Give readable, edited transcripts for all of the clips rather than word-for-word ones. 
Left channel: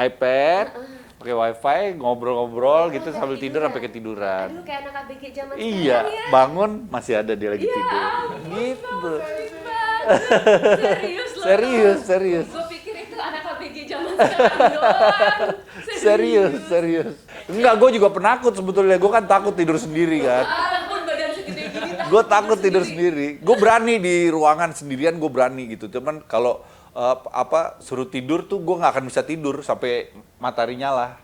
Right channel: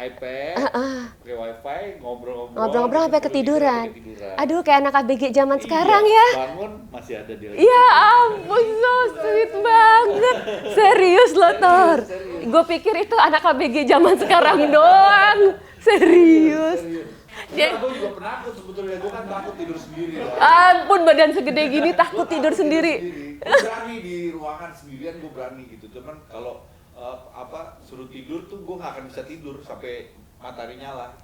iPad, pakai wifi, ngobrol-ngobrol gitu Ngobrol-ngobrol sampai tidur sampai ketiduran. Aduh, kayak anak ABG zaman Iya, sekarang ya. bangun masih ada dia lagi Ya tidur. ampun, so sweet banget. Serius loh, Tor. Serius. Gue pikir itu anak ABG zaman sekarang doang. Serius. Enggak, gue juga penakut sebetulnya. Gue kan takut tidur sendiri kan. Ampun, badan segede gini Gue takut takut tidur sendiri. Gue berani di ruangan sendirian, gue berani gitu. Cuman kalau suruh tidur tuh gue nggak akan bisa tidur sampai matahari nyala.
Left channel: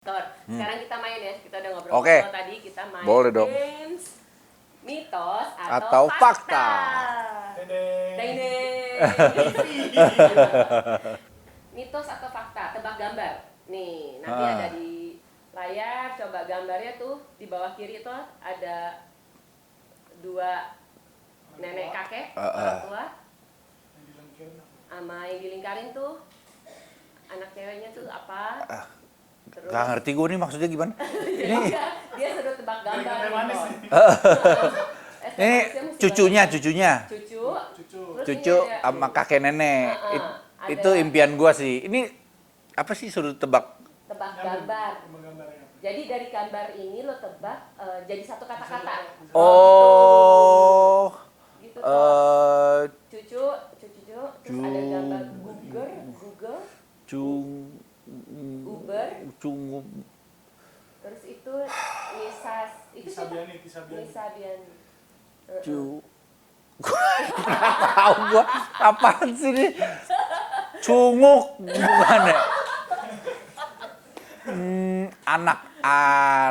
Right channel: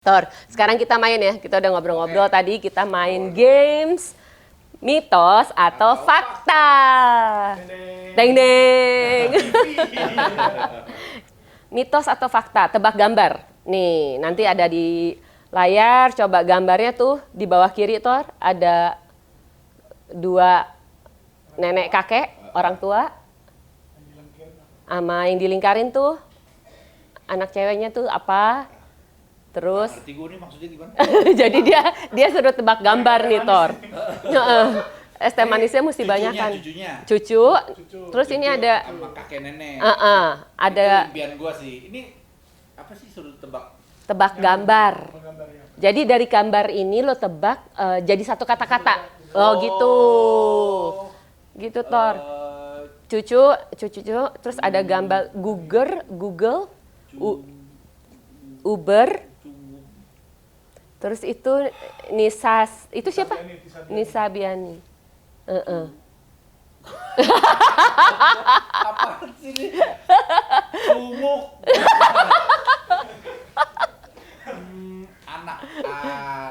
Tor, sekarang kita main ya. Kita udah ngobrol-ngobrol Oke. tadi, kita main Boleh dong. games mitos atau fakta. Deng deng. Mitos atau fakta, tebak gambar. Nih, nanti ada di layar, coba gambarnya tuh di bawah kiri, Tor, ada dua nenek kakek, orang tua. Sama yang dilingkarin tuh, anak ceweknya tuh apa? Terus Nggak ngerti gue nih maksudnya gimana? jadi dia suruh tebak gambar nih, Tor. Es teh manisnya mesti banyak. Cucunya. Cucu. Terus ini Cucu ada sama kakek nenek. ada Itu impian gue sih. Ini apa sih suruh tebak? tebak gambar. Jadi dari gambar ini lo tebak jadi satu kata-kata. Oh, gitu. Gitu, Tor. Cucu, terus ada gambar Google, Uber. Terus itu Nisa, itu siapa? Nisa Biani. Tahu gua apaan sih ini? Cunguk gimana? Kan,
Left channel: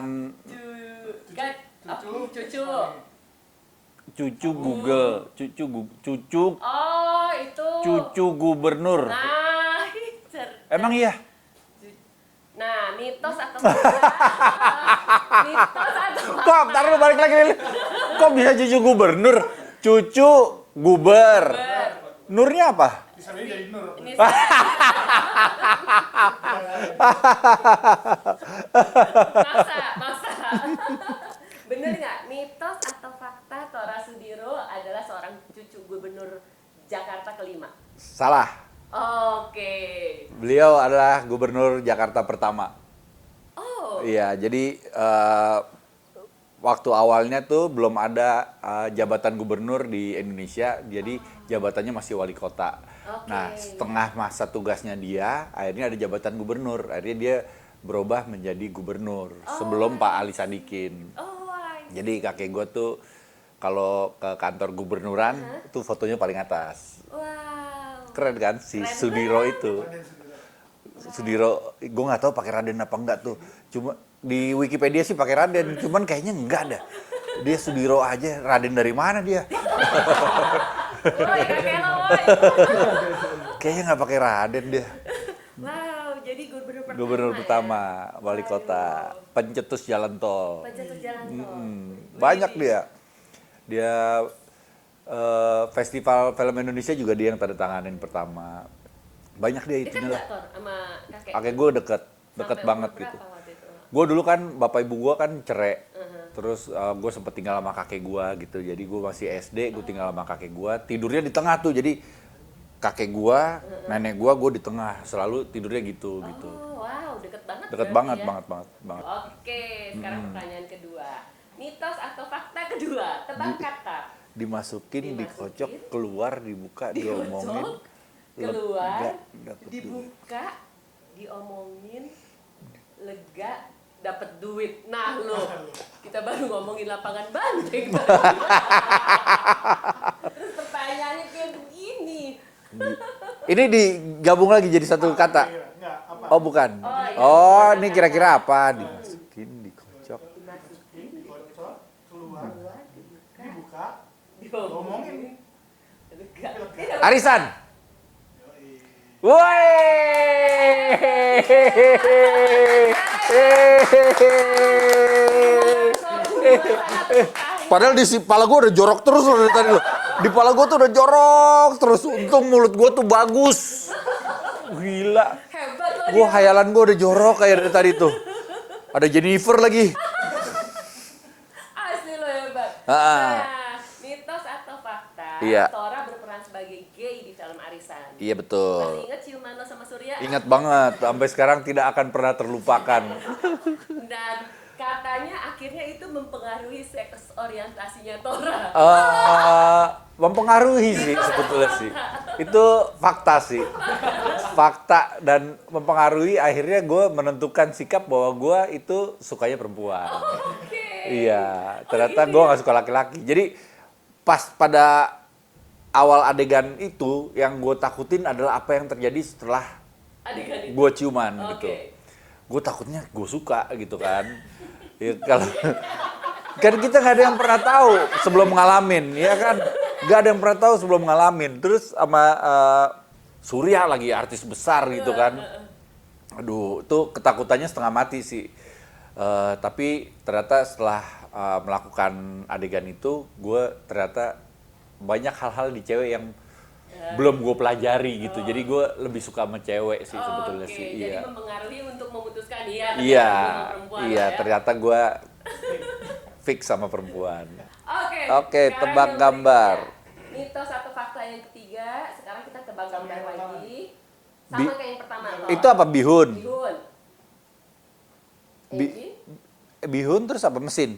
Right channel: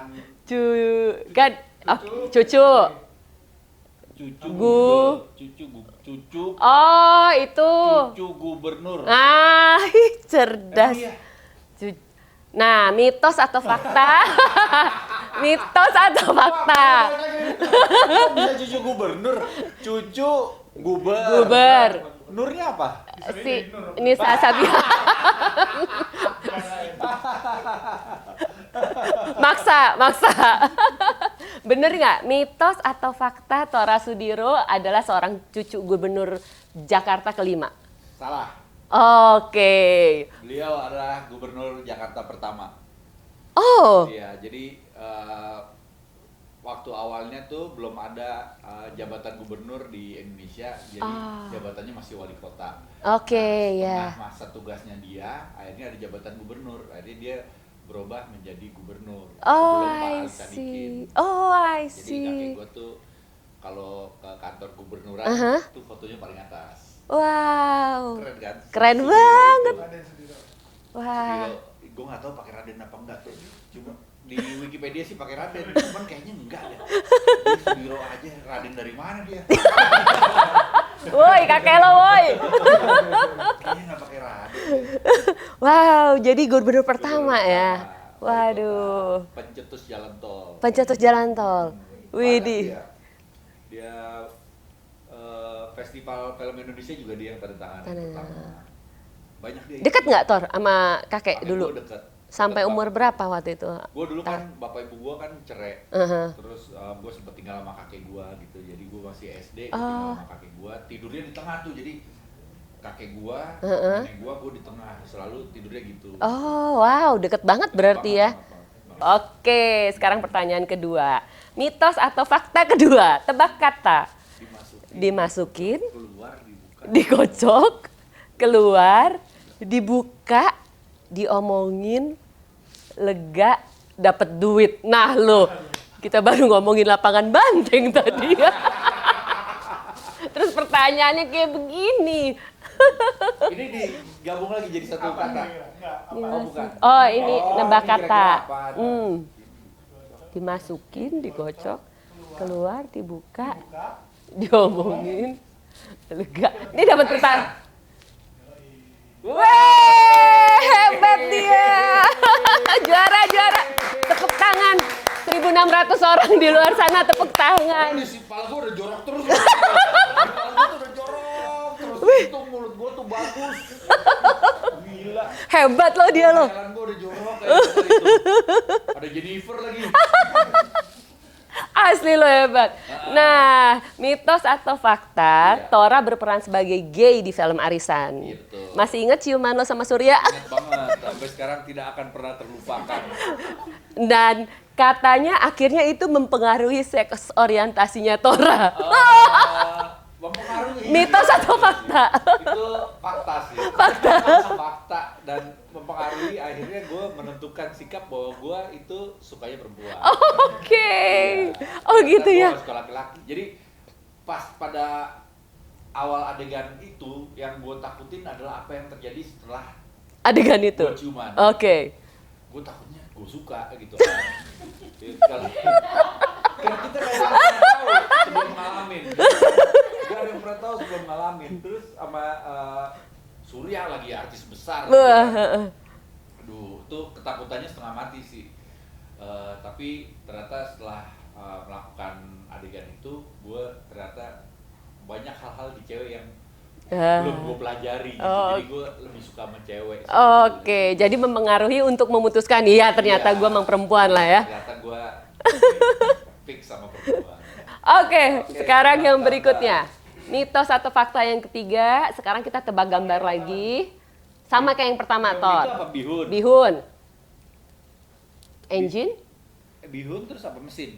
cucu. Cucu Google, cucu Oh, itu. cucu gubernur. Ah, cerdas. Emang iya? Nah, mitos atau fakta? Mitos atau Kok fakta? baru balik lagi nih? Kok bisa cucu gubernur? Cucu guber. Guber. Nurnya apa? Si Nisa Sabian. Maksa. Bener nggak? Mitos atau fakta Tora Sudiro adalah seorang cucu gubernur Jakarta kelima? Salah. Oke. Beliau adalah gubernur Jakarta pertama. Oh. Iya, jadi waktu awalnya tuh belum ada jabatan gubernur di Indonesia, jadi jabatannya masih wali kota. Oke, Nah, setengah ya. masa tugasnya dia, akhirnya ada jabatan gubernur. Akhirnya dia berubah menjadi gubernur sebelum Pak Ali Sadikin. Oh, I see. Jadi kakek gue tuh kalau ke kantor gubernuran tuh fotonya paling atas. Wow. Keren kan? Si Keren Sudiro banget. itu. Sudiro, gue nggak tahu pakai Raden apa enggak tuh. Cuma di Wikipedia sih pakai Raden, cuman kayaknya enggak dah. Dia Sudiro aja, Raden dari mana dia? Woi, kakek lo, woi. Kayaknya nggak pakai Raden dia. Wow, jadi gubernur pertama, Gubernur ya. pertama, wali kota, Waduh. pencetus jalan tol. Pencetus jalan tol. Banyak Widih. dia. Dia Festival Film Indonesia juga dia yang tanda tangan yang pertama. Banyak dia. Dekat nggak, Tor, sama kakek Kakek dulu? gue deket. Sampai Deket umur banget berapa gitu. waktu itu? Gue dulu kan bapak ibu gue kan cerai, terus gue sempet tinggal sama kakek gue gitu. Jadi gue masih SD, gue tinggal sama kakek gue. Tidurnya di tengah tuh, jadi kakek gue, nenek gue di tengah. Selalu tidurnya gitu. Oh, wow, deket banget Deket berarti banget, ya. banget. Oke, sekarang pertanyaan kedua. Mitos atau fakta kedua? Tebak kata. Dimasukin, Dimasukin, dikocok, keluar, dibuka, Dikocok, diomongin. keluar, dibuka, diomongin, lega, dapat duit. Nah lo, kita baru ngomongin lapangan banteng tadi. Terus pertanyaannya kayak begini. Ini digabung lagi jadi satu kata. Oh bukan. Oh, ini oh nebak ini kata. kira-kira apa? Dimasukin, dikocok. Dimasukin, digocok, keluar, dibuka, diomongin. Lega. Ini dapat Arisan. Wah, hebat dia. Juara. Tepuk tangan. 1.600 orang di luar sana tepuk tangan. Padahal di kepala gue udah jorok terus loh dari tadi loh. Di kepala gue tuh udah jorok terus. Untung mulut gue tuh bagus. Gila. Hebat loh Gue dia. khayalan gue udah jorok kayak dari tadi tuh. Ada Jennifer lagi. Asli lo hebat. Nah, mitos atau fakta, Iya. Tora berperan sebagai gay di film Arisan. Iya betul. Masih ingat ciuman lo sama Surya? Ingat banget. Sampai sekarang tidak akan pernah terlupakan. Dan katanya akhirnya itu mempengaruhi seks orientasinya Tora. Mempengaruhi sih. Mitos atau sebetulnya sih. fakta? Itu fakta sih. Fakta dan mempengaruhi akhirnya gue menentukan sikap bahwa gue itu sukanya perempuan. Oke. Iya. Oh Ternyata gitu gue ya. gak suka laki-laki. Jadi pas pada awal adegan itu yang gue takutin adalah apa yang terjadi setelah Adegan itu. gue ciuman. Oke. Gue takutnya gue suka gitu kan. Ya, kalau kan kita nggak ada yang pernah tahu sebelum ngalamin, ya kan? Nggak ada yang pernah tahu sebelum ngalamin. Terus sama Surya lagi artis besar gitu kan. Aduh, itu ketakutannya setengah mati sih. Tapi ternyata setelah melakukan adegan itu, gue ternyata banyak hal-hal di cewek yang belum gue pelajari gitu. Jadi gue lebih suka sama cewek sih. sebetulnya Oke, sih. jadi Iya. mempengaruhi untuk memutuskan, iya ternyata Iya, gue emang perempuan iya, lah ya. Ternyata gue fix sama perempuan. Oke, Oke, sekarang tebak yang gambar. berikutnya. Mitos atau fakta yang ketiga, sekarang kita tebak gambar lagi. Sama kayak yang pertama, Tor. Itu apa bihun? Bihun. Engine? Bihun terus apa mesin?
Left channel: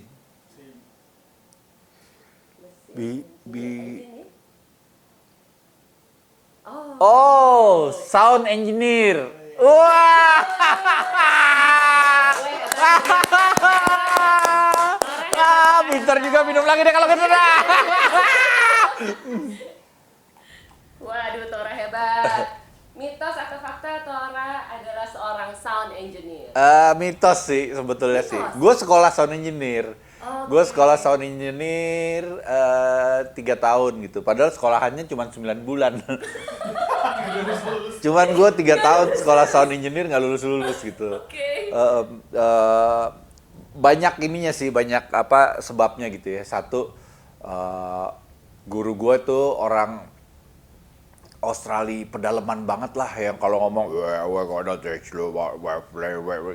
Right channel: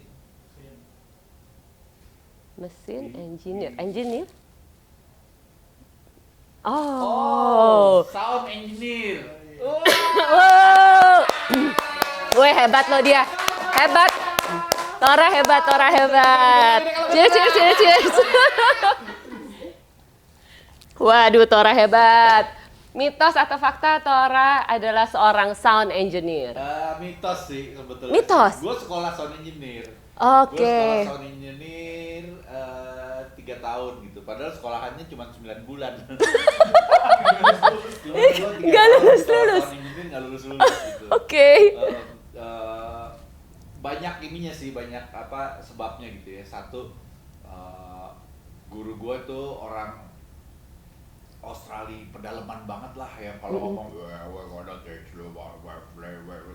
Mesin, Bi- engineer. bi- Engineer? Oh, sound engineer. Wih, hebat loh dia. Hebat. Tora hebat, Tora hebat. Bentar juga minum lagi deh kalau gitu. Yes. Waduh, Tora hebat. Mitos atau fakta, Tora adalah seorang sound engineer. Mitos sih sebetulnya Mitos? sih. Gue sekolah sound engineer. Oke. Gue sekolah sound engineer 3 tahun gitu. Padahal sekolahannya cuma 9 bulan. Cuman gue 3 tahun sekolah sound engineer nggak lulus-lulus gitu. Oke. Banyak ininya sih, banyak apa sebabnya gitu ya. Satu, guru gue tuh orang Australia pedalaman banget lah yang kalau ngomong we're gonna teach you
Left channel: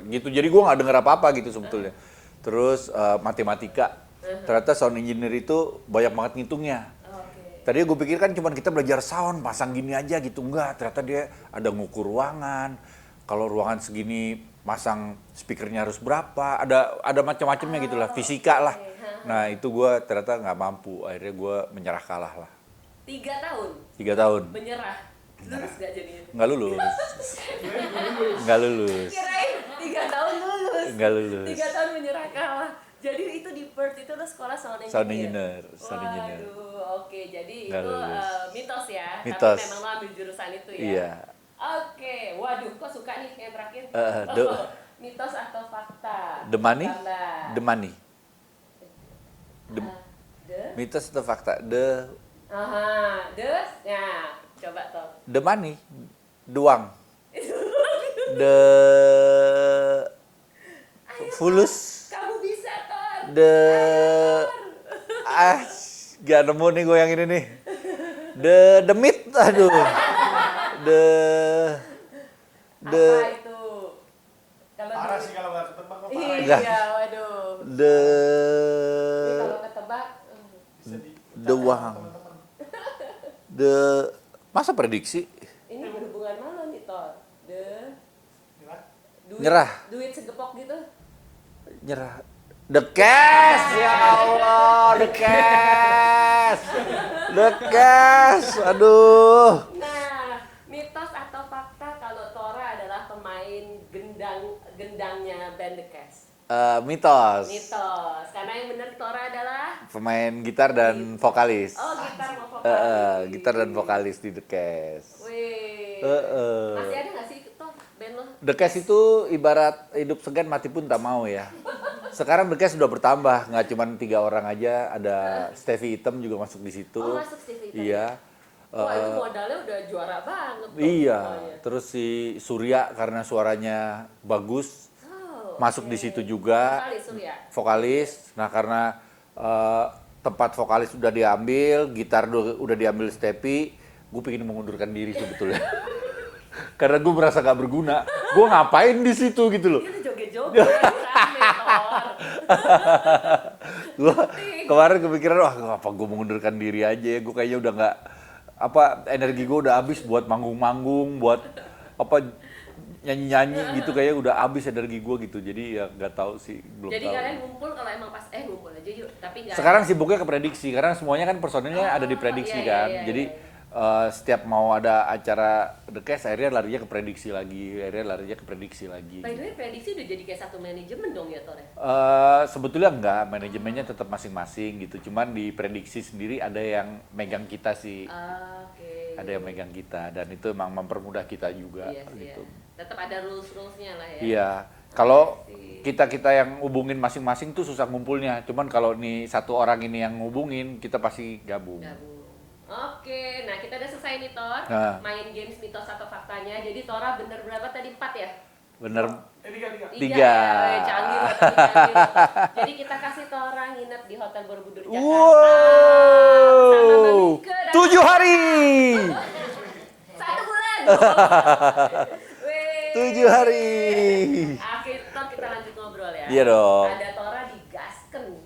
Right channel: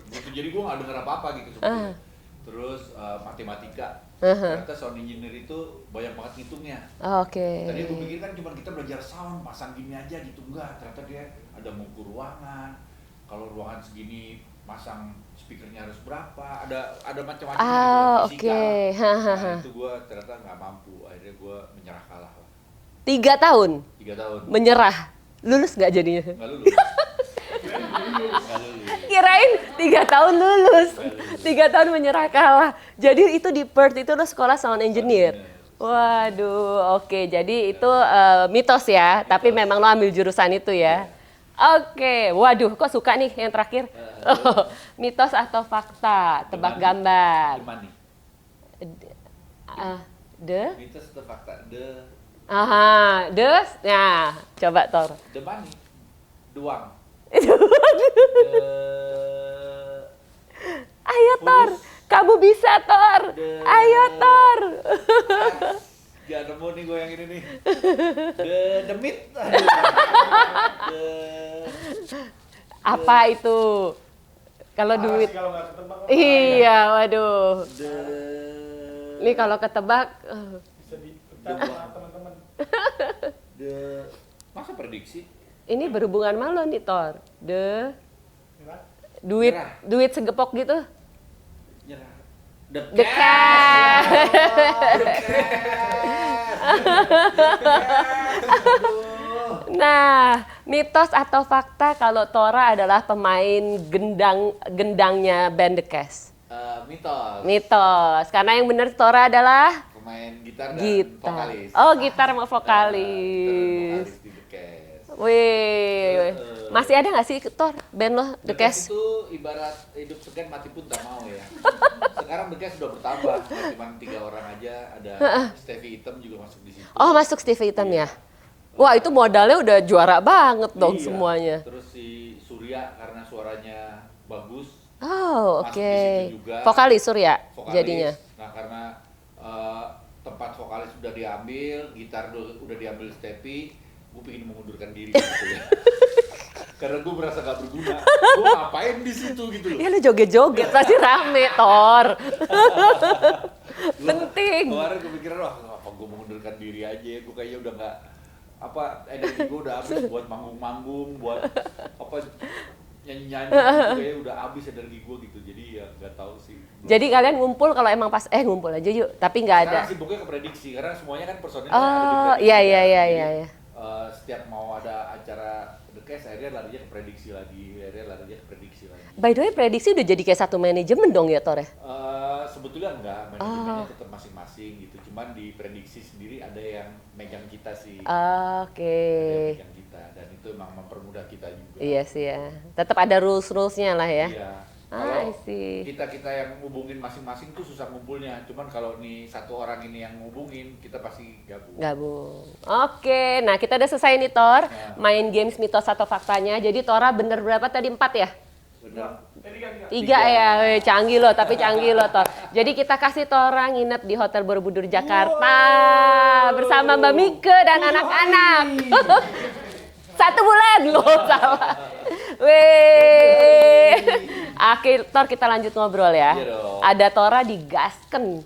gitu. Jadi gue nggak denger apa-apa gitu sebetulnya. Terus matematika. Ternyata sound engineer itu banyak banget ngitungnya. Oke. Tadinya gue pikir kan cuma kita belajar sound, pasang gini aja gitu. Enggak, ternyata dia ada ngukur ruangan. Kalau ruangan segini masang speakernya harus berapa, ada macam-macamnya gitu lah, fisika oke. lah. Nah itu gue ternyata nggak mampu, akhirnya gue menyerah kalah lah. 3 tahun 3 tahun, menyerah. Lulus nggak jadinya? nggak lulus. Nggak lulus. Kirain 3 tahun lulus. Nggak lulus. 3 tahun menyerah kalah. Jadi itu di Perth itu lo sekolah sound engineer. Sound Waduh, oke. Jadi Nggak itu lulus. mitos ya. Mitos. Tapi memang lo ambil jurusan itu ya. Iya. Oke, waduh, kok suka nih yang terakhir? Mitos atau fakta? The Tebak money? gambar. The money. The? Mitos atau fakta? Aha, nah, coba Tor. The money. Duang. The Ayo Tor, fulus. kamu bisa Tor. Ayo Tor. Gak nemu nih gue yang ini nih. The meat, aduh. Apa itu? Kalau duit. Iya, waduh. Ini kalau ketebak, The uang. Masa prediksi? ini berhubungan sama lo nih Tor. Duit, Nyerah. duit segepok gitu. Nyerah. The cash. Ya Allah, the cash. The cash. Aduh. Nah, mitos atau fakta kalau Tora adalah pemain gendangnya band The Cash? Mitos. Mitos. Karena yang benar Tora adalah Pemain gitar dan vokalis. Oh, gitar sama vokalis. Gitar dan vokalis di The Cast. Wih. Masih ada nggak sih Tor band lo? The Cast itu ibarat hidup segan mati pun tak mau ya. Sekarang The Cast sudah bertambah, nggak cuma 3 orang aja, ada Stevie Hitam juga masuk di situ. Oh, masuk Stevie Hitam Iya. ya. Wah, itu modalnya udah juara banget dong Iya. semuanya. Terus si Surya karena suaranya bagus Oh, oke. masuk di situ juga. Vokalis Surya. Vokalis. jadinya. Nah, karena tempat vokalis sudah diambil, gitar udah diambil Stepi, gue pengen mengundurkan diri sebetulnya. Karena gue merasa gak berguna. Gue ngapain di situ gitu loh. Ya lu joget-joget tadi rame, Tor. Gua Penting. kemarin kepikiran, wah apa gue mengundurkan diri aja ya. Gue kayaknya udah nggak, energi gue udah habis buat manggung-manggung, buat nyanyi-nyanyi gitu, kayaknya udah habis energi gue gitu. Jadi ya nggak tahu sih. Belum Jadi tahu. kalian ngumpul kalau emang pas ngumpul aja yuk, tapi nggak ada. Sekarang sibuknya ke prediksi, karena semuanya kan personilnya ada di prediksi iya, kan. iya, iya, Jadi iya. setiap mau ada acara The Cast, akhirnya larinya ke prediksi lagi, By the way, prediksi udah jadi kayak satu manajemen dong ya, Tor ya? Sebetulnya enggak, manajemennya tetap masing-masing gitu. Cuman di prediksi sendiri ada yang megang kita sih. Oke. Ada yang megang kita, dan itu emang mempermudah kita juga. Iya sih ya. Tetap ada rules-rulesnya lah ya. Iya. Kalau I see. kita yang hubungin masing-masing tuh susah ngumpulnya. Cuman kalau nih satu orang ini yang ngubungin, kita pasti gabung. Gabung. Oke, nah kita udah selesai nih Tor. Nah. Main games mitos atau faktanya. Jadi Tora bener berapa tadi? 4 ya? Bener. Tiga ya, weh, canggih loh, tapi canggih loh Tor. Jadi kita kasih Tora nginep di Hotel Borobudur Jakarta bersama Mbak Mike dan 7 hari. anak-anak. 1 bulan loh. Weh. 7 hari. Oke, Tor kita lanjut ngobrol ya. Iya dong. Ada Tora di Gasken.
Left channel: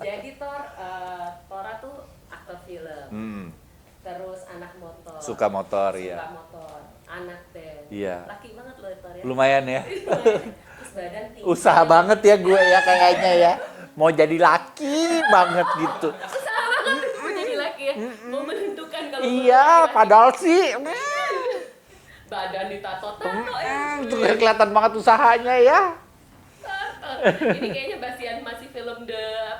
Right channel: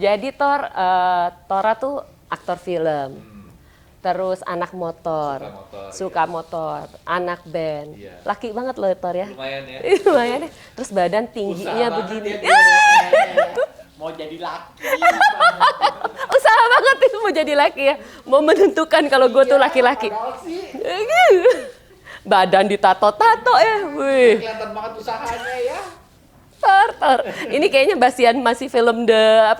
Jadi Tora tuh aktor film. Terus anak motor. Suka motor, Suka iya. motor, anak band. Iya. Laki banget loh Tor ya. Lumayan ya. Lumayan deh. Terus badan tinggi. Usaha banget ya gue ya kayaknya ya. Mau jadi laki banget gitu. Usaha banget mau jadi laki ya. Mau menentukan kalau gue tuh Iya, laki-laki. padahal sih Badan ditato-tato ya. udah kelihatan banget usahanya ya. Tor. Ini kayaknya Basian masih film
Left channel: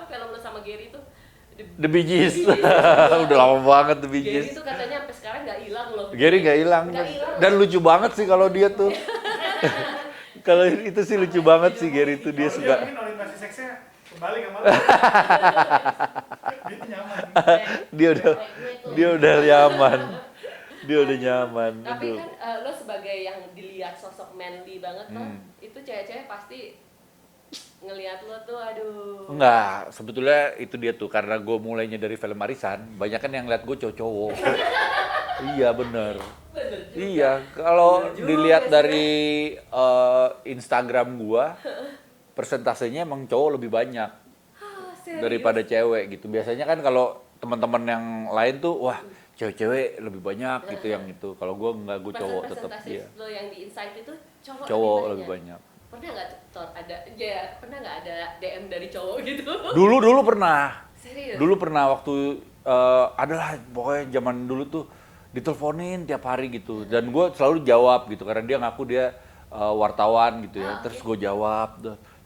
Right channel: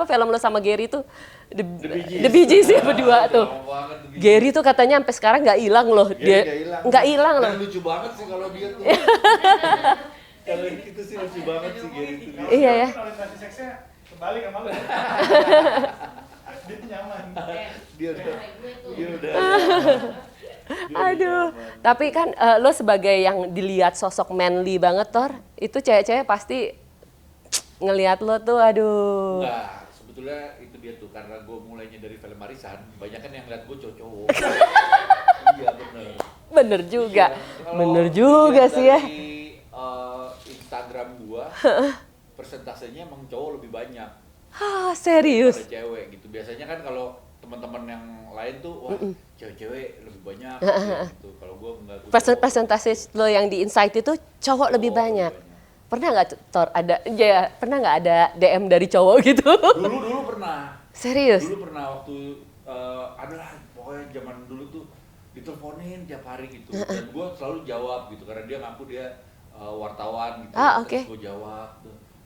film lo sama Gary tuh. The Bee Gees. The Bee Gees ya berdua Udah tuh. lama banget The Bee Gees. Gary tuh katanya sampai sekarang nggak hilang loh. Gary nggak hilang. Nggak hilang. Dan lucu banget sih kalau dia tuh. Kalau itu sih lucu banget sih Gary tuh, dia Iya suka. ya. Orientasi seksnya kembali ke malu. Dia nyaman. Dia udah nyaman. Dia udah nyaman. Tapi kan lo sebagai yang dilihat sosok manly banget Tor, itu cewek-cewek pasti ngelihat lo tuh aduh. Enggak, sebetulnya itu dia tuh, karena gue mulainya dari film Arisan, banyak kan yang lihat gue cowok-cowok. Iya bener. Bener juga. Iya, kalau Bener juga dilihat sih ya. dari Instagram gua, persentasenya emang cowok lebih banyak Ah, serius. daripada cewek gitu. Biasanya kan kalau teman-teman yang lain tuh, wah cewek-cewek lebih banyak gitu yang itu. Kalau gua enggak, gua cowok. Persentase tetep, lo yang di Insight itu cowok lebih banyak. Pernah nggak Tor pernah nggak ada DM dari cowok gitu? Dulu pernah. Serius? Dulu pernah waktu adalah pokoknya zaman dulu tuh diteleponin tiap hari gitu, dan gue selalu jawab gitu karena dia ngaku dia wartawan gitu. Terus gue jawab,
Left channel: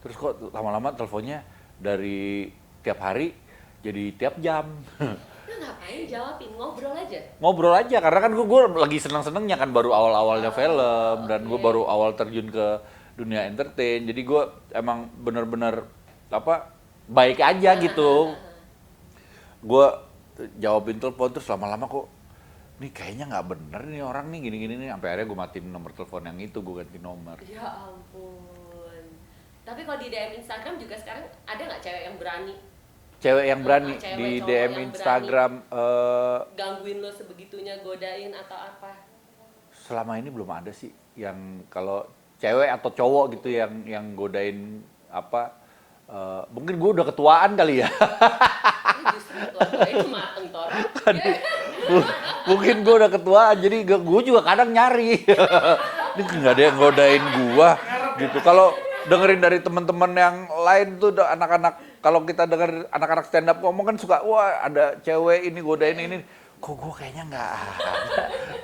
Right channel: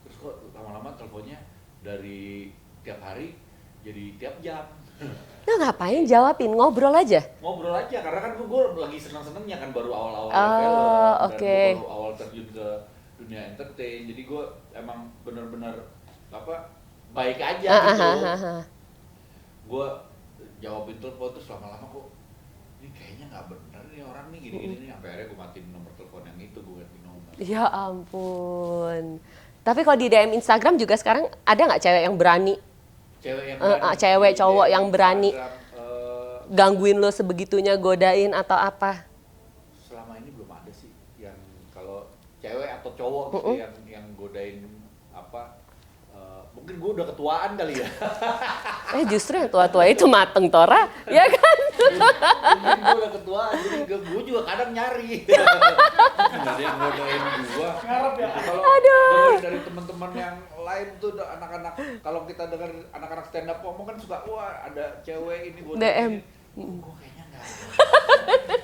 terus kok lama-lama teleponnya dari tiap hari jadi tiap jam. Nah ngapain jawabin, ngobrol aja? Ngobrol aja, karena kan gue lagi seneng-senengnya kan, baru awal-awalnya film, dan gue baru awal terjun ke dunia entertain, jadi gue emang bener-bener baik aja gitu. Gue jawabin telepon, terus lama-lama kok nih kayaknya nggak bener nih orang nih gini-gini nih, sampai akhirnya gue matiin nomor telepon yang itu, gue ganti nomor. Ya ampun. Tapi kalau di DM Instagram juga sekarang ada nggak cewek yang berani? Cewek yang berani, cewek di cowok DM yang berani Instagram, gangguin lo sebegitunya, godain atau apa? selama ini belum ada sih yang kalau cewek atau cowok gitu yang godain mungkin gue udah ketuaan kali ya. Justru yang tua-tua itu mateng Tora, ya kan? Mungkin gue udah ketuaan, jadi gue juga kadang nyari. Mungkin nggak ada yang godain gue gitu. Kalau dengerin dari teman-teman yang lain tuh anak-anak, kalau kita denger anak-anak stand up ngomong kan suka, wah ada cewek ini godain ini. Kok gue kayaknya nggak ada.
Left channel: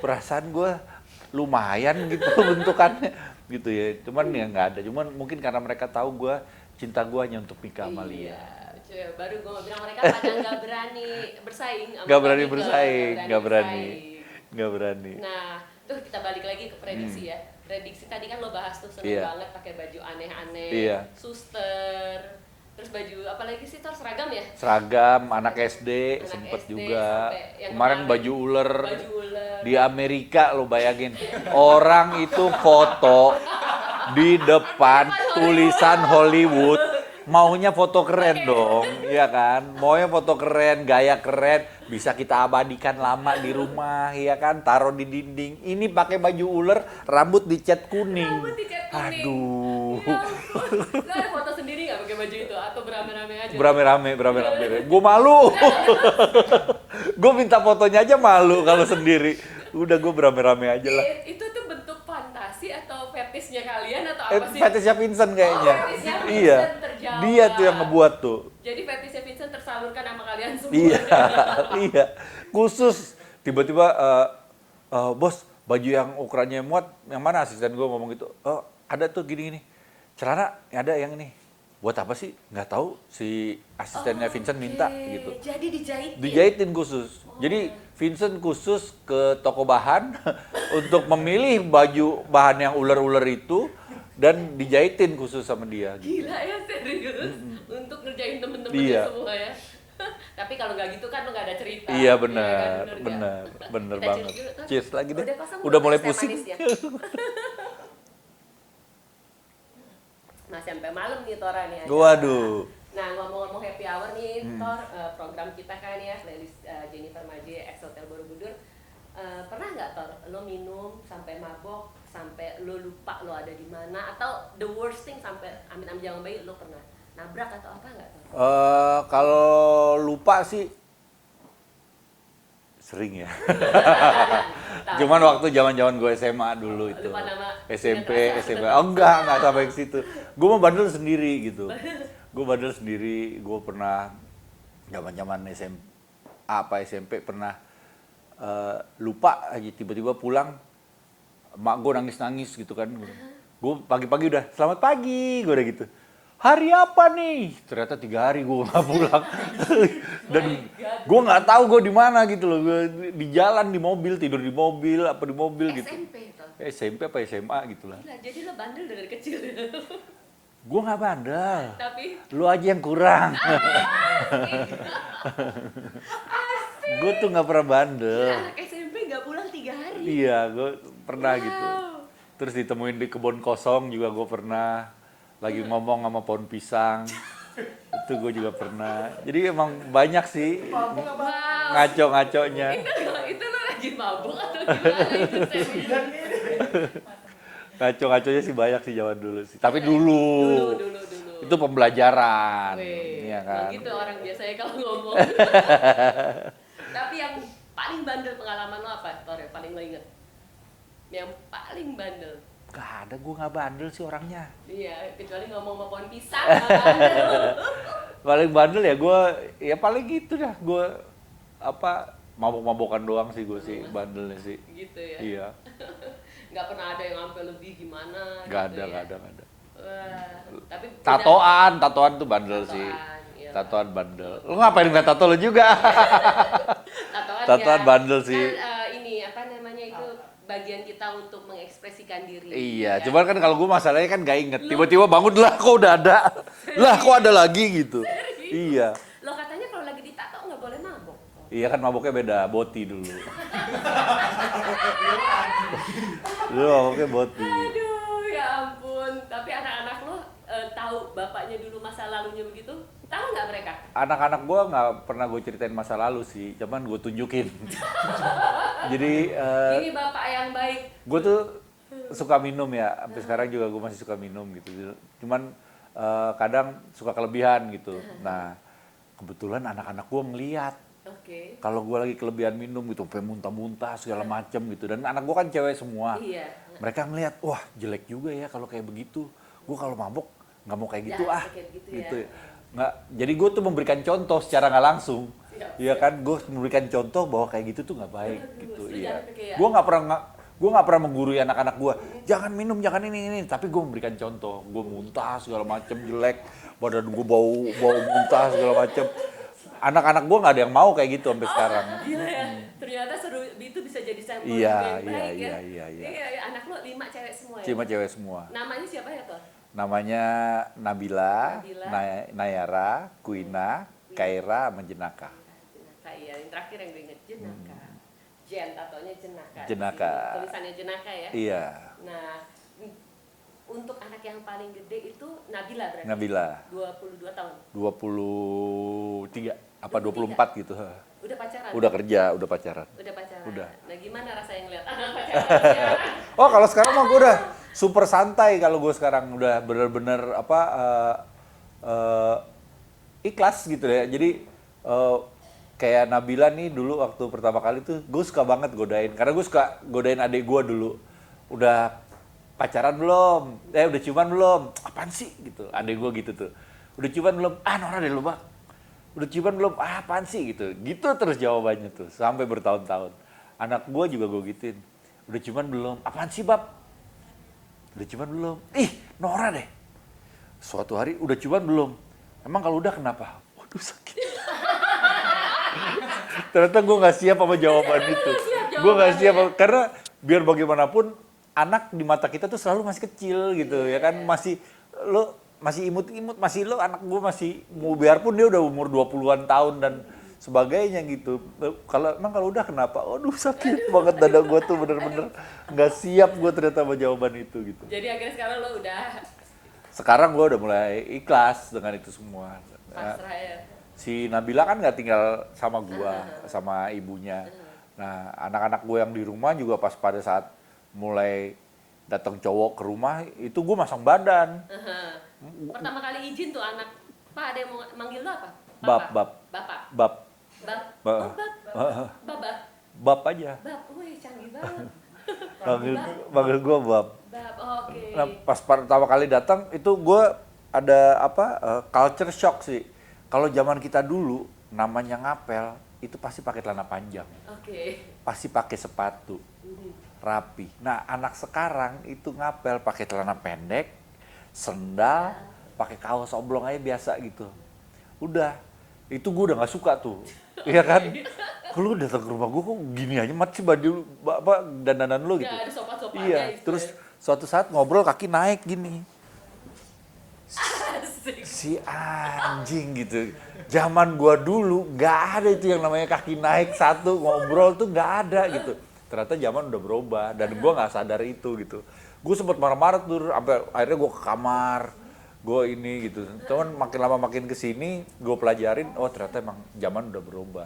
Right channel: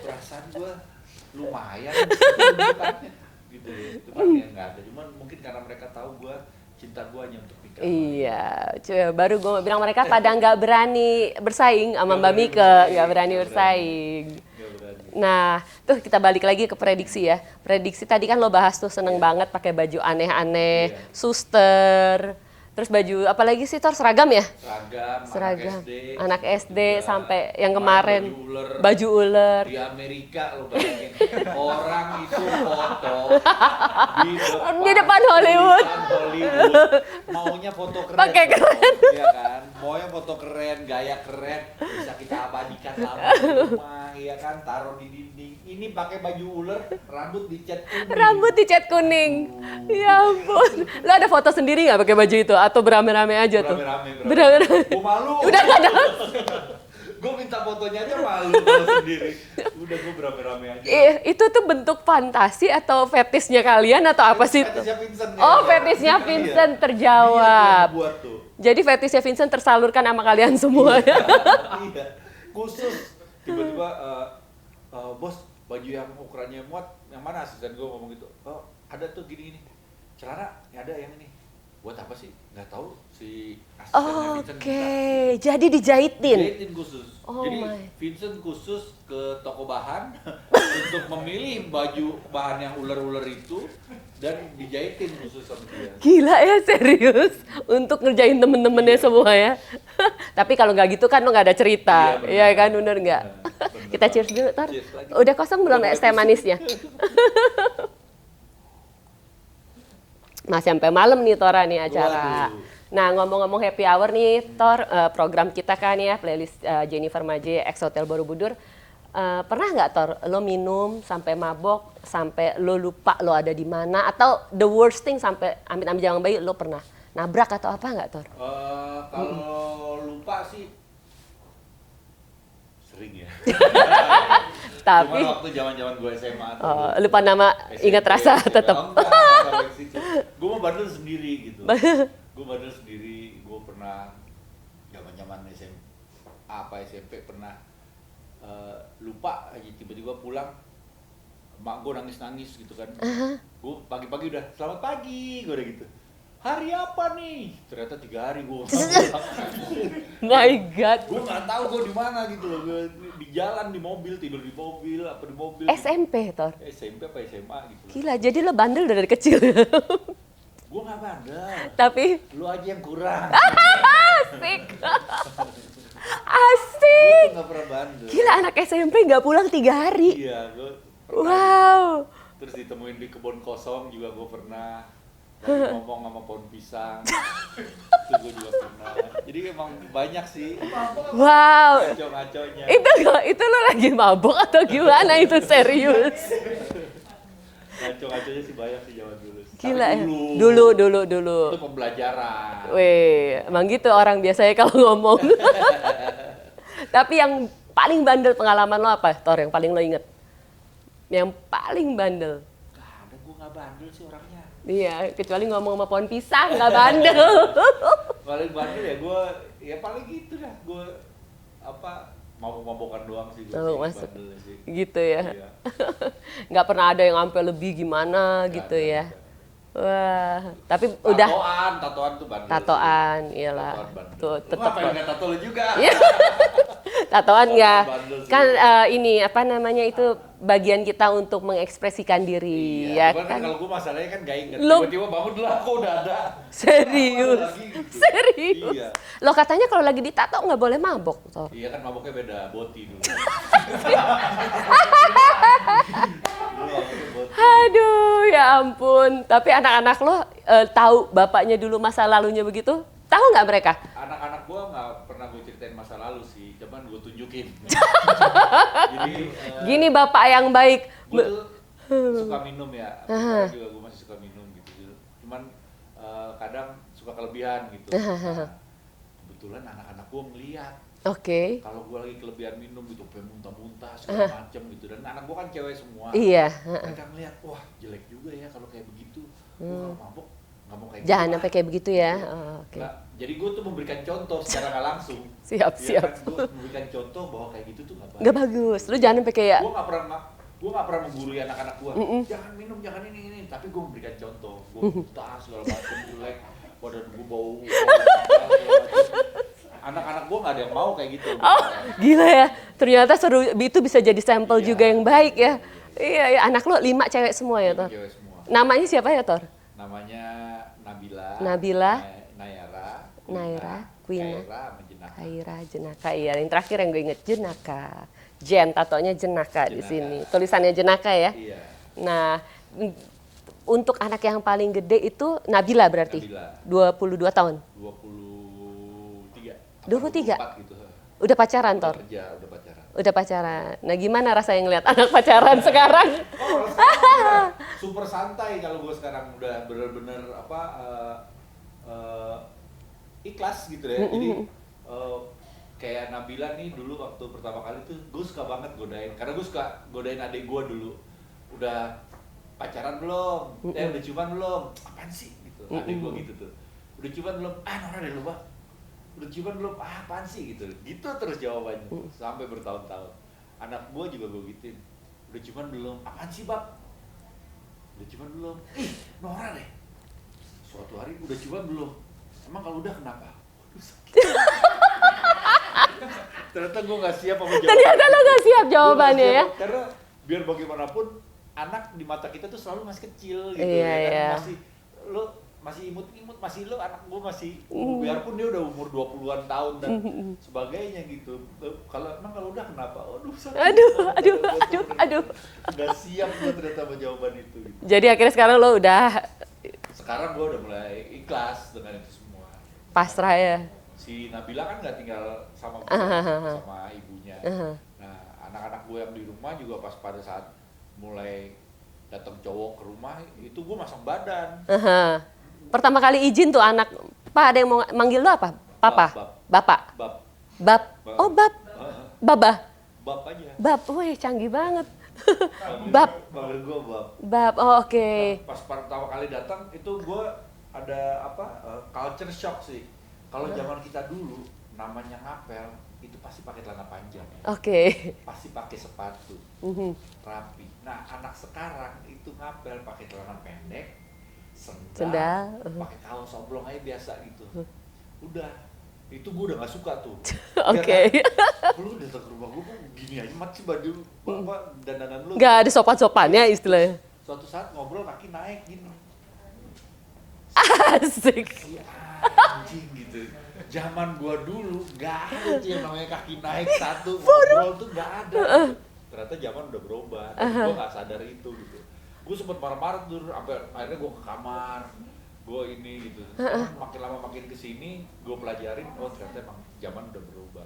Perasaan gue lumayan gitu bentukannya. gitu ya. Cuman ya nggak ada. Cuman mungkin karena mereka tahu gue cinta gue hanya untuk Mika sama Lia. Iya, baru gue bilang mereka pada nggak berani bersaing sama Nggak Mbak berani Mika, bersaing, nggak berani nggak berani. bersaing. Nggak berani. Nah, tuh kita balik lagi ke prediksi ya. Prediksi tadi kan lo bahas tuh seneng Iya. banget pakai baju aneh-aneh, Iya. suster, terus baju apa lagi sih Tor, seragam ya? Seragam, anak Seragam. SD, Anak sempet SD juga. sampai yang kemarin baju ular. Baju ular. Di Amerika lo bayangin, orang itu foto di depan Hollywood. tulisan Hollywood, maunya foto keren Pakai dong, ya kan? Maunya foto keren, gaya keren, bisa kita abadikan lama di rumah, ya kan? Taruh di dinding. Ini pakai baju ular, rambut dicat kuning. Rambut dicat kuning. Aduh. Ya ampun. Lo ada foto sendiri nggak pakai baju itu atau berame-rame aja tuh? Berame-rame. Gue malu. Gue minta fotonya aja malu kalau sendiri. Udah gue berame-rame aja lah. Itu tuh bentuk fantasi atau fetisnya kalian atau apa sih? Fetisnya Vincent kayaknya. Oh, fetisnya Vincent Iya. terjawab. Dia tuh yang ngebuat tuh. Jadi fetisnya Vincent tersalurkan sama kalian semua. Iya. Iya. Khusus tiba-tiba bos, baju yang ukurannya muat yang mana, asisten gue ngomong gitu. Oh, ada tuh gini-gini. Celana ada yang ini. Buat apa sih? Nggak tahu, si asistennya Vincent minta gitu. Jadi dijahitin. Dijahitin khusus. Oh Jadi my. Vincent khusus ke toko bahan untuk memilih baju bahan yang ular-ular itu dan dijahitin khusus sama dia. Gila ya, serius. Untuk ngerjain temen-temennya Iya. semua ya. Tapi kalau nggak gitu kan lo nggak ada cerita. Iya benar. Iya kan, bener nggak? Bener Kita cheers banget. dulu, Tor. Cheers lagi. Udah kosong belum mulai es teh pusing. manisnya? Masih sampai malam nih Tora nih acara. Waduh. Nah ngomong-ngomong happy hour nih Tor, program kita kan ya playlist Jennifer Maje Ex Hotel Borobudur. Pernah nggak Tor lo minum sampai mabok sampai lo lupa lo ada di mana, atau the worst thing sampai amit-amit jangan bayi lo pernah nabrak atau apa nggak Tor? Kalau lupa sih sering ya. Tapi- Cuman waktu zaman-zaman gue SMA dulu. Oh, lupa nama, ingat rasa SMP. tetap. Oh, enggak sampai ke situ. Gue mau bandel sendiri gitu. Gue bandel sendiri, gue pernah zaman-zaman SMA apa SMP pernah lupa aja, tiba-tiba pulang mak gue nangis-nangis gitu kan. Gue pagi-pagi udah selamat pagi, gue udah gitu. Hari apa nih? Ternyata 3 hari gue nggak pulang. My God. Gue nggak tahu gue di mana gitu loh. Gue di jalan, di mobil, tidur di mobil, apa di mobil gitu. SMP Tor. SMP apa SMA gitu lah. Gila, jadi lo bandel dari kecil. Gue nggak bandel. Tapi Lu aja yang kurang. asik. Gue tuh nggak pernah bandel. Gila, anak SMP nggak pulang 3 hari. Iya, gue pernah gitu. Wow. Terus ditemuin di kebun kosong juga gue pernah. Lagi ngomong sama pohon pisang. Itu gue juga pernah. Jadi emang banyak sih Wow. ngaco-ngaconya. Itu lo lagi mabok atau gimana itu, serius? Ngaco-ngaconya sih banyak sih zaman dulu sih. Tapi Gila ya. Dulu. Itu pembelajaran. Weh, Iya kan? emang gitu orang biasanya kalau ngomong. Tapi yang paling bandel pengalaman lo apa, Tor? Yang paling lo inget? Yang paling bandel? Gak ada, gue gak bandel sih orangnya. Iya, kecuali ngomong sama pohon pisang, nggak bandel. Paling bandel ya gue, ya paling gitu dah. Gue mabok-mabokan doang sih gue Oh, sih, masuk. bandelnya sih. Gitu ya. Iya. Nggak pernah ada yang sampai lebih gimana Gak gitu ada, ya. gak ada. Wah, tapi udah Tatoan tuh bandel tatoan, sih. iyalah. Tatoan bandel. Tuh, Lu ngapain ngeliat tato lu juga? tatoan ya. Tatoan bandel sih. Kan ini apa namanya itu bagian kita untuk mengekspresikan diri. Iya, ya cuman kan kalau gue masalahnya kan gak inget. Lu- Tiba-tiba bangun lah kok udah ada. Lah kok ada Serius? lagi gitu. Serius? Iya. Lo katanya kalau lagi ditato nggak boleh mabok. Toh. Iya kan maboknya beda, boti dulu. Dulu maboknya boti. Aduh, ya ampun. Tapi anak-anak lo tahu bapaknya dulu masa lalunya begitu? Tahu nggak mereka? Anak-anak gue nggak pernah gue ceritain masa lalu sih, cuman gue tunjukin. Jadi Gini bapak yang baik. gue tuh suka minum ya, sampai sekarang juga gue masih suka minum gitu. Cuman kadang suka kelebihan gitu. Nah kebetulan anak-anak gue ngeliat Oke. kalau gue lagi kelebihan minum gitu, sampai muntah-muntah segala macem gitu. Dan anak gue kan cewek semua. Iya. Mereka ngeliat, wah jelek juga ya kalau kayak begitu. Gue kalau mabok nggak mau kayak gitu. Jangan ah. sampai kayak begitu ya. Gitu. Oh, oke. Nggak, jadi gue tuh memberikan contoh secara nggak langsung. Siap, Iya siap. kan, gue memberikan contoh bahwa kayak gitu tuh nggak baik. Nggak bagus. Lu Iya. jangan sampai kayak- Gue nggak pernah Gue nggak pernah menggurui anak-anak gue, jangan minum, jangan ini. Tapi gue memberikan contoh, gue muntah segala macem jelek, badan gue bau muntah segala macem. Anak-anak gue nggak ada yang mau kayak gitu sampai sekarang. Gila ya, ternyata seru itu bisa jadi sampel juga yang baik ya. Iya, anak lo 5 cewek semua ya, 5 Tor? cewek semua. Namanya siapa ya, Tor? Namanya Nabila, Nayara, Kuina, Kaira, sama Jenaka. Kaira, Jenaka, iya. Yang terakhir yang gue inget, Jenaka. Jen, tatonya Jenaka di sini. Tulisannya Jenaka ya? Iya. Nah, untuk anak yang paling gede itu Nabila berarti? Nabila. 22 tahun? 23, apa 23? 24 gitu. Udah pacaran, Udah Tor? kerja, udah pacaran. Udah pacaran. Nah, gimana rasanya ngeliat anak pacaran sekarang? Oh, kalau sekarang mah gue udah super santai kalau gue sekarang udah bener-bener ikhlas gitu ya. Jadi kayak Nabila nih dulu waktu pertama kali tuh gue suka banget godain. Karena gue suka godain adik gue dulu. Udah pacaran belum? Udah ciuman belum? Apaan sih gitu. Adik gue gitu tuh. Udah ciuman belum? Ah, Nora deh lu, Bang. Udah ciuman belum? Ah, apaan sih gitu. Gitu terus jawabannya tuh sampai bertahun-tahun. Anak gue juga gue gituin. Udah ciuman belum? Apaan sih, Bab? Udah ciuman belum? Ih, Nora deh. Suatu hari udah ciuman belum? Emang kalau udah kenapa? Waduh, sakit. Ternyata gue gak siap sama jawaban Ternyata itu. lo gak siap Gue gak jawabannya siap, ya? karena biar bagaimanapun anak di mata kita tuh selalu masih kecil gitu ya kan. Masih imut-imut, masih anak gue masih, biarpun dia udah umur 20-an tahun dan sebagainya gitu. Kalau udah kenapa? Aduh, sakit banget dada gue tuh bener-bener. Gak siap gue ternyata sama jawaban itu gitu. Jadi akhirnya sekarang lo udah Sekarang gue udah mulai ikhlas dengan itu semua. pasrah ya? Si Nabila kan nggak tinggal sama gue, sama ibunya. Nah, anak-anak gue yang di rumah juga pas pada saat mulai datang cowok ke rumah, itu gue masang badan. Pertama kali izin tuh anak, Pak ada yang mau manggil lo apa? Papa? Bab. Bapak? Bab. Bab? Oh, Bab? Babah? Bab aja. Bab, wih canggih banget. Panggil gue Bab. Bab, oh oke. Nah, pas pertama kali datang, itu gue ada culture shock sih. Kalau zaman kita dulu, namanya ngapel, itu pasti pakai celana panjang. Oke. Pasti pakai sepatu, rapi. Nah, anak sekarang itu ngapel pakai celana pendek, sendal, pakai kaos oblong aja biasa gitu. Udah, itu gue udah gak suka tuh. Iya kan? Lu datang ke rumah gue kok gini aja, mat sih baju dandanan lu. Gak ada sopan-sopannya istilahnya. Terus, suatu saat ngobrol kaki naik gini. Asik. Si anjing gitu. Zaman gua dulu gak ada itu yang namanya kaki naik satu ngobrol tuh gak ada gitu. Ternyata zaman udah berubah dan gua nggak sadar itu gitu. Gue sempet marah-marah tuh sampai akhirnya gua ke kamar. Gue ini gitu. Cuman makin lama makin kesini gue pelajarin, oh ternyata emang zaman udah berubah.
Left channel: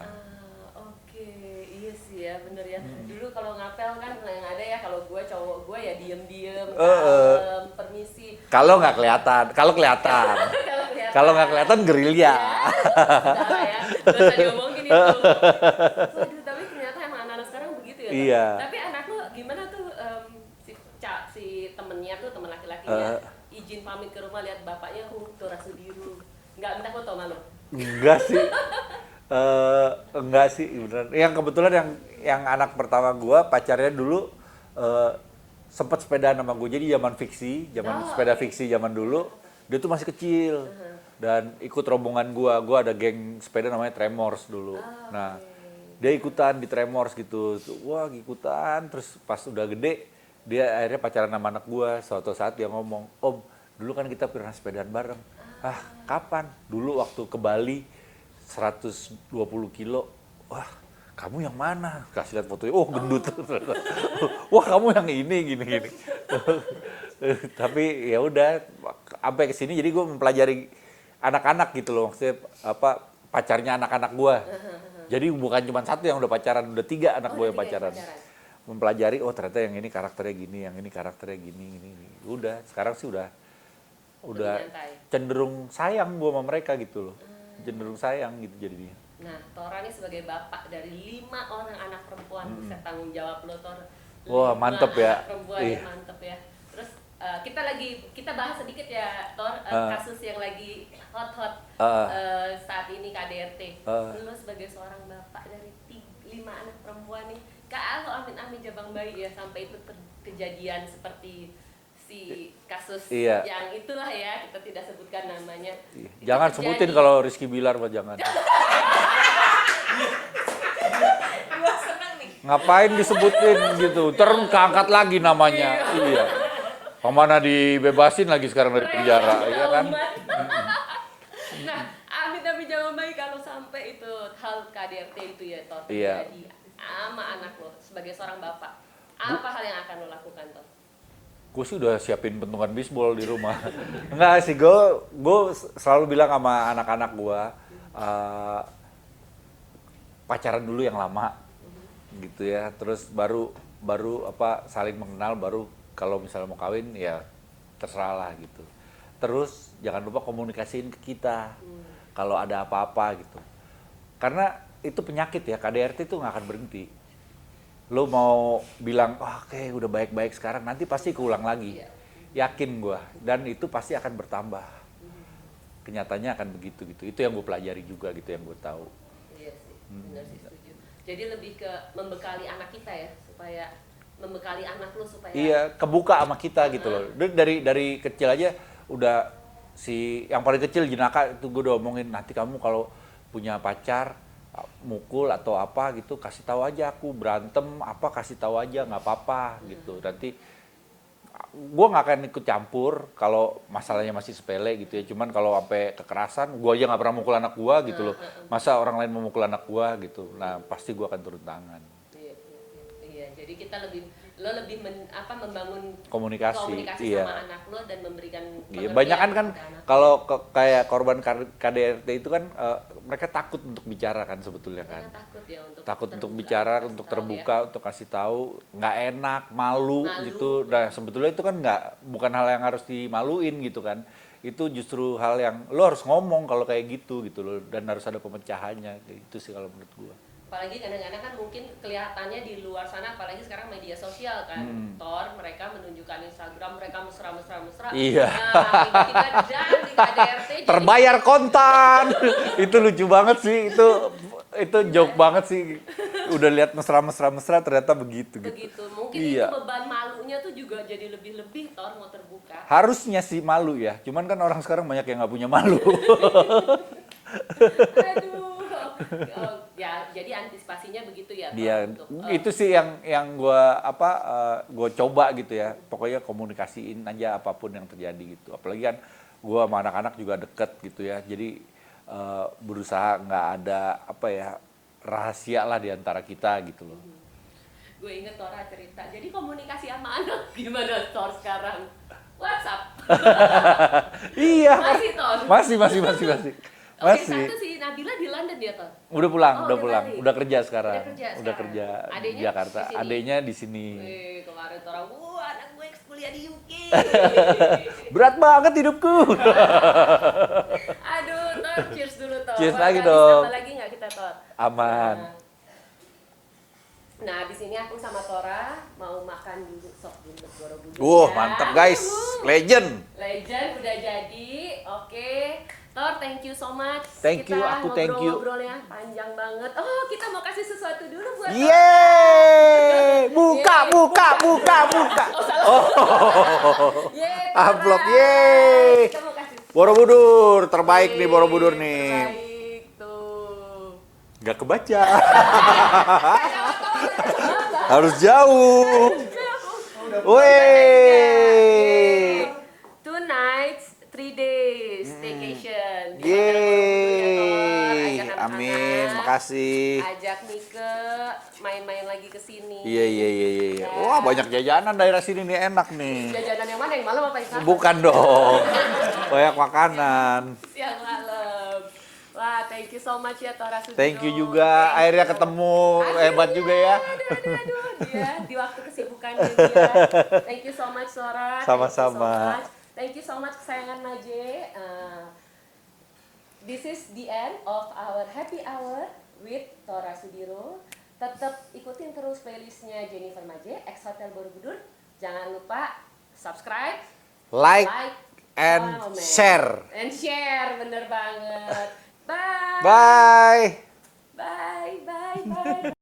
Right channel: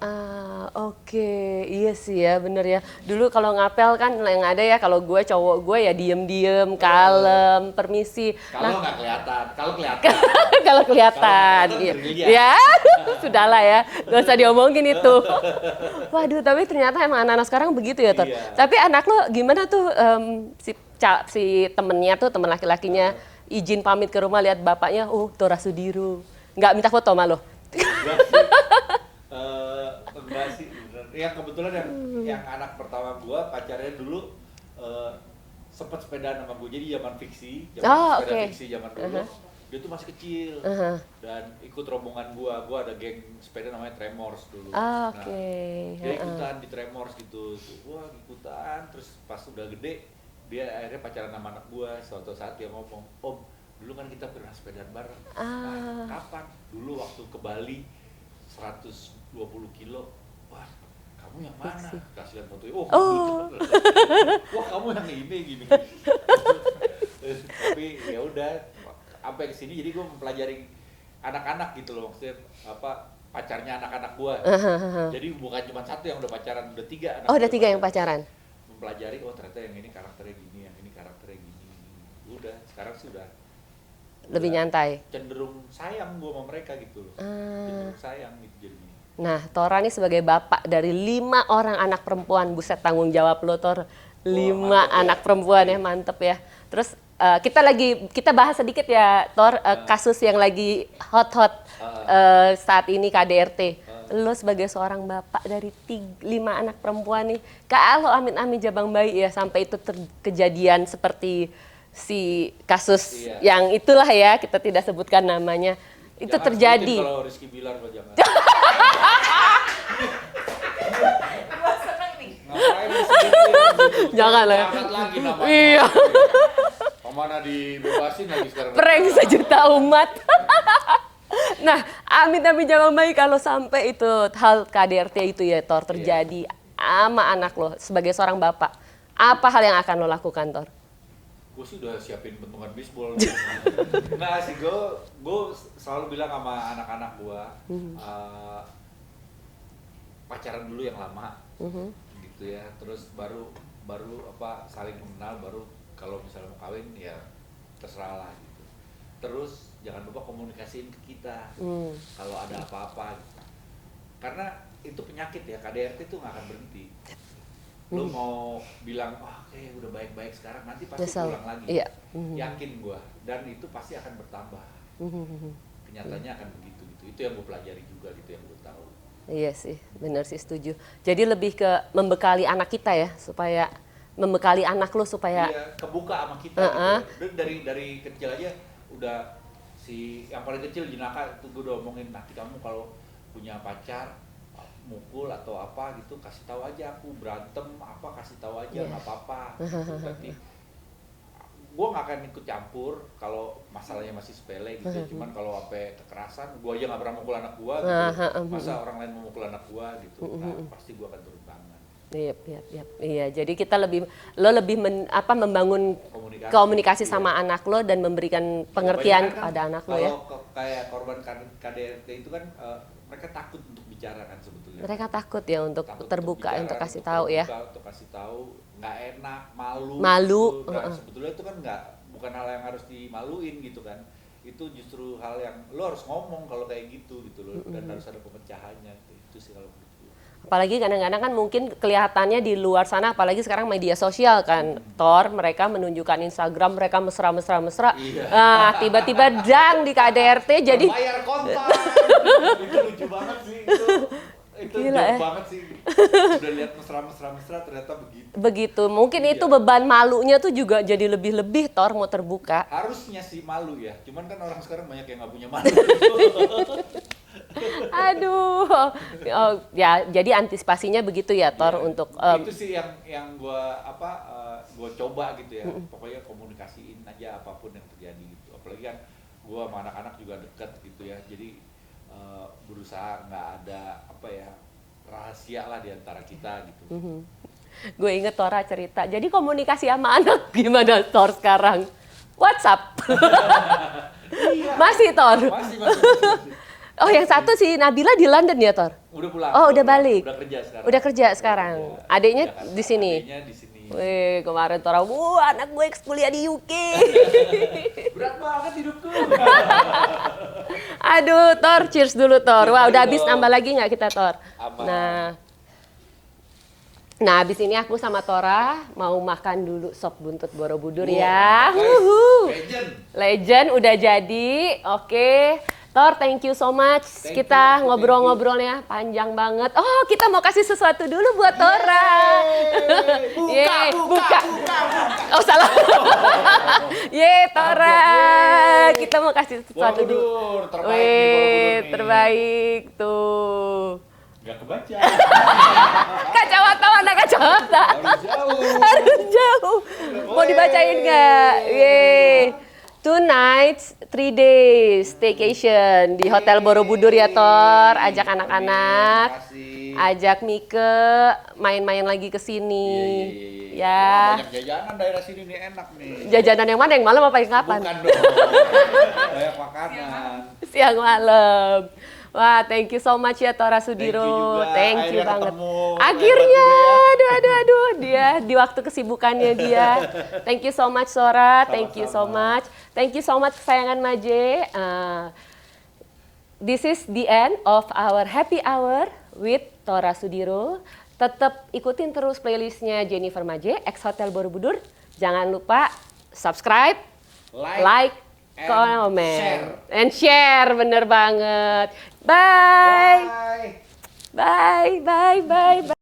Oke, iya sih ya bener ya. Dulu kalau ngapel kan yang ada ya kalau gue cowok gue ya diem-diem, kalem, permisi. Kalau nggak kelihatan, kalau kelihatan. Kalau kelihatan. Kalau nggak kelihatan gerilya. Ya, sudahlah ya. Nggak usah diomongin itu. Waduh, tapi ternyata emang anak-anak sekarang begitu ya, Tot. Iya. Tapi anak lo gimana tuh si temennya tuh, temen laki-lakinya izin pamit ke rumah lihat bapaknya, Tora Sudiro. Nggak minta foto sama lo? Enggak sih. Enggak sih, beneran. Yang kebetulan yang anak pertama gua pacarnya dulu sempat sepedaan sama gue. Jadi zaman fiksi, sepeda fiksi zaman dulu. Dia tuh masih kecil dan ikut rombongan gua ada geng sepeda namanya Tremors dulu. Nah, dia ikutan di Tremors gitu. Wah, ikutan. Terus pas udah gede, dia akhirnya pacaran sama anak gua. Suatu saat dia ngomong, "Om, dulu kan kita pernah sepedaan bareng." "Ah, kapan?" "Dulu waktu ke Bali 120 kilo." "Wah, kamu yang mana?" Kasih lihat fotonya. Oh, gendut. "Wah, kamu yang ini gini." Tapi ya udah, sampai ke sini jadi gue mempelajari anak-anak gitu loh, maksudnya pacarnya anak-anak gue. Jadi bukan cuma satu yang udah pacaran, udah 3 anak gue. Oh, udah 3 yang pacaran. Mempelajari, oh ternyata yang ini karakternya gini, yang ini karakternya gini. Udah, sekarang sih udah lebih nyantai. Cenderung sayang gue sama mereka gitu loh. Cenderung sayang gitu jadinya. Nah, Tora nih sebagai bapak dari 5 orang anak perempuan, buset tanggung jawab lo, Tor. 5 anak perempuan ya, mantep ya. Terus kita bahas sedikit ya Thor, kasus yang lagi hot saat ini KDRT. Lo sebagai seorang bapak dari 5 anak perempuan nih, kalau amit-amit jabang bayi ya sampai itu kejadian seperti si kasus yang itulah ya, kita tidak sebutkan namanya. Itu jangan terjadi. Sebutin kalau Rizky Bilar mah jangan. Gua seneng nih. Ngapain disebutin gitu? Jangan lah. Angkat lagi namanya. Iya. Kemana dibebasin lagi sekarang? Prank penjara, sejuta ya kan? umat. Nah, amit-amit jabang bayi kalau sampai itu hal KDRT itu ya Thor terjadi sama anak lo sebagai seorang bapak. Apa hal yang akan lo lakukan Thor? Gue sih udah siapin pentungan bisbol di rumah. Enggak sih, gue selalu bilang sama anak-anak gue, pacaran dulu yang lama, gitu ya. Terus baru apa saling mengenal, baru kalau misalnya mau kawin ya terserah lah gitu. Terus jangan lupa komunikasiin ke kita kalau ada apa-apa gitu. Karena itu penyakit ya, KDRT itu nggak akan berhenti. Lo mau bilang, oke udah baik-baik sekarang, nanti pasti ulang lagi. Iya. Yakin gua. Dan itu pasti akan bertambah. Kenyataannya akan begitu gitu. Itu yang gue pelajari juga gitu, yang gue tahu. Iya sih, benar sih setuju. Jadi lebih ke membekali anak kita ya, supaya membekali anak lo supaya Iya, kebuka sama kita gitu. Dari kecil aja udah yang paling kecil jenaka itu gue udah omongin, nanti kamu kalau punya pacar mukul atau apa gitu kasih tahu aja, aku berantem apa kasih tahu aja nggak apa-apa gitu. Nanti gue nggak akan ikut campur kalau masalahnya masih sepele gitu ya. Cuman kalau sampai kekerasan, gue aja nggak pernah mukul anak gue gitu loh. Masa orang lain memukul anak gue gitu. Nah pasti gue akan turun tangan. Iya, jadi kita lo lebih membangun komunikasi sama anak lo dan memberikan pengertian kan pada anak lo. Kalau kayak korban KDRT itu kan mereka takut untuk bicara kan sebetulnya. Mereka kan. takut ya untuk takut terbuka, untuk bicara, untuk kasih untuk tahu terbuka, ya. untuk kasih tahu, nggak enak, malu. Malu. Gitu. Nah, sebetulnya itu kan bukan hal yang harus dimaluin gitu kan. Itu justru hal yang lo harus ngomong kalau kayak gitu loh, dan harus ada pemecahannya. Itu sih kalau menurut gua. Apalagi kadang-kadang kan mungkin kelihatannya di luar sana, apalagi sekarang media sosial kan, Thor, mereka menunjukkan Instagram mereka mesra. Iya. Nah, tiba-tiba dang di KDRT jadi terbayar kontan. Itu lucu banget sih, itu Gila, joke banget sih. Udah lihat mesra ternyata begitu. begitu. Mungkin Iya. itu beban malunya tuh juga jadi lebih-lebih Thor mau terbuka. Harusnya sih malu ya, cuman kan orang sekarang banyak yang nggak punya malu. Aduh. Oh, ya, jadi antisipasinya begitu ya Thor Iya, untuk itu sih yang gue coba gitu ya. Pokoknya komunikasiin aja apapun yang terjadi gitu. Apalagi kan gue sama anak-anak juga deket gitu ya. Jadi berusaha nggak ada rahasia lah di antara kita gitu loh. gue inget Tora cerita. Jadi komunikasi sama anak gimana Thor sekarang? WhatsApp. Iya. Masih Thor. Masih. Oh, yang satu si Nabila di London ya, Tor? Udah pulang. Oh, udah pulang. balik. Udah kerja sekarang. Udah kerja sekarang. Adiknya Jakarta. di sini. Adiknya di sini. Wih, kemarin Tora, anak gue kuliah di UK. Berat banget hidupku. Aduh, Tor, cheers dulu, Tor. Cheers Wah, lagi udah habis dong. tambah lagi nggak kita, Tor? Aman. Nah, habis ini aku sama Tora mau makan dulu sop buntut Borobudur Wah, ya. mantap guys. Wuhu. Legend. Legend udah jadi. Oke. Thor, thank you so much. Thank you, Kita aku ngobrol-ngobrolnya panjang banget. Oh, kita mau kasih sesuatu dulu buat Tora. Yeay. Buka. Yeay, Oh, salah. Yeay, Tora. Amplop, yeay. Kita mau kasih sesuatu. Borobudur, terbaik nih Borobudur Wih, nih. Terbaik tuh. Gak kebaca. Kacamata mana kacamata? Harus jauh. Harus jauh. Mau Wih. dibacain nggak? Yeay. 2 nights, 3 days staycation di Hotel Borobudur ya, Tor. Ajak Amin, anak-anak. makasih. Ajak Mike main-main lagi ke sini. Iya. Ya. Wah, banyak jajanan daerah sini nih, enak nih. Jajanan yang mana? Yang malam apa yang kapan? Bukan dong. Banyak makanan. Siang malam. Wah, thank you so much ya Tora Sudiro. Thank you juga. Thank you Akhirnya banget. ketemu. Akhirnya, Hebat juga ya. aduh, dia di waktu kesibukannya dia. Thank you so much Tora, thank you so Sama-sama. much. Thank you so much kesayangan Maje. This is the end of our happy hour with Tora Sudiro. Tetap ikutin terus playlistnya Jennifer Maje, Ex Hotel Borobudur. Jangan lupa subscribe, like, and comment, share. and share, bener banget. Bye. Bye. Bye. Bye. Bye. Bye.